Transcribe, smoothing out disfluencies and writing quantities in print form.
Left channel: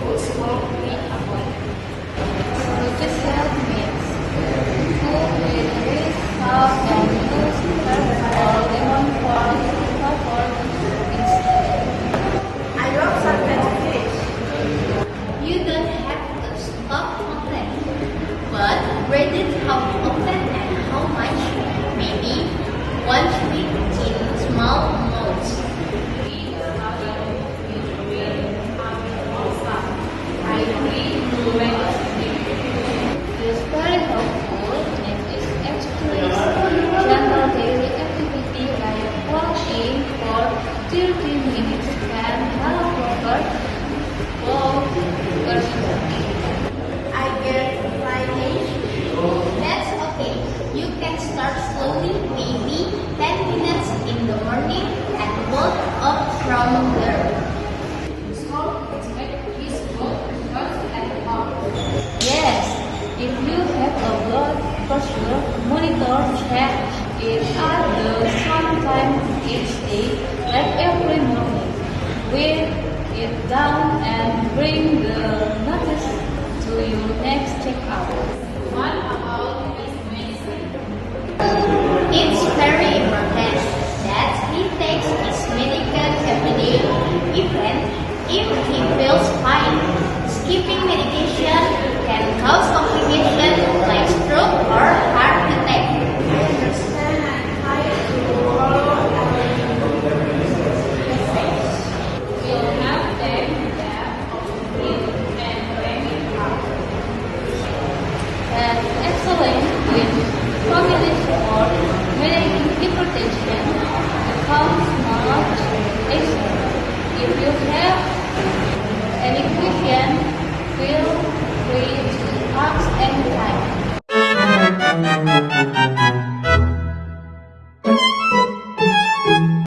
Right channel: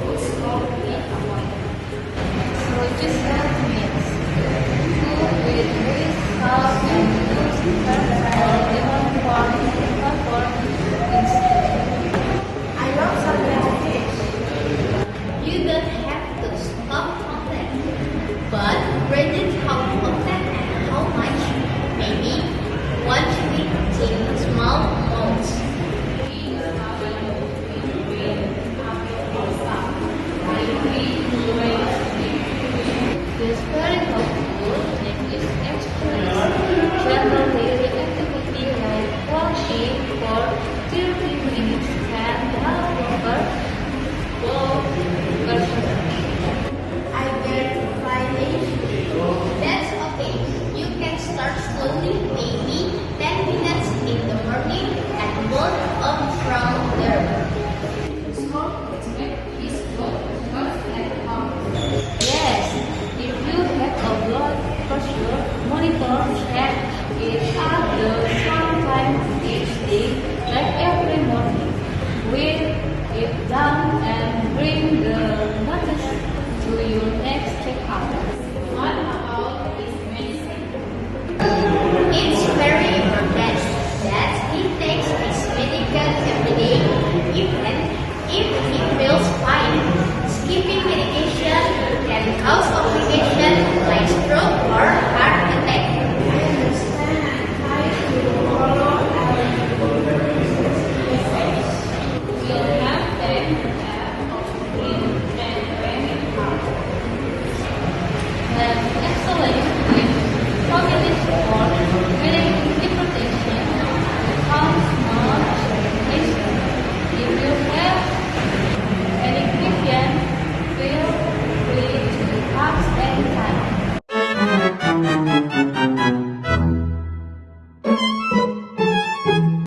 put small weight upon them. So this help means food with very soft and good fats or lemon form comfort instead. I love salted fish. You don't have to stop often, but rate it how often and how much. Maybe 1 week in small amounts. It's very helpful and is actually general daily activity like watching for 30 minutes and proper I get Friday. That's okay. You can start slowly, maybe 10 minutes in the morning and work up from there. Smoke is made peaceful, fun, and calm. Yes, if you have a blood pressure monitor, check it at the same time each day, like every morning. Weigh it down and bring the notice to your next checkup. What about his medicine? It's very important that he takes his medication every day, even if he feels fine. Skipping medication can cause complications like stroke or heart attack. I understand and try to follow we'll have them that of you and bring it up. And excellent with family support, medical deportation, accounts knowledge, and If you have any question,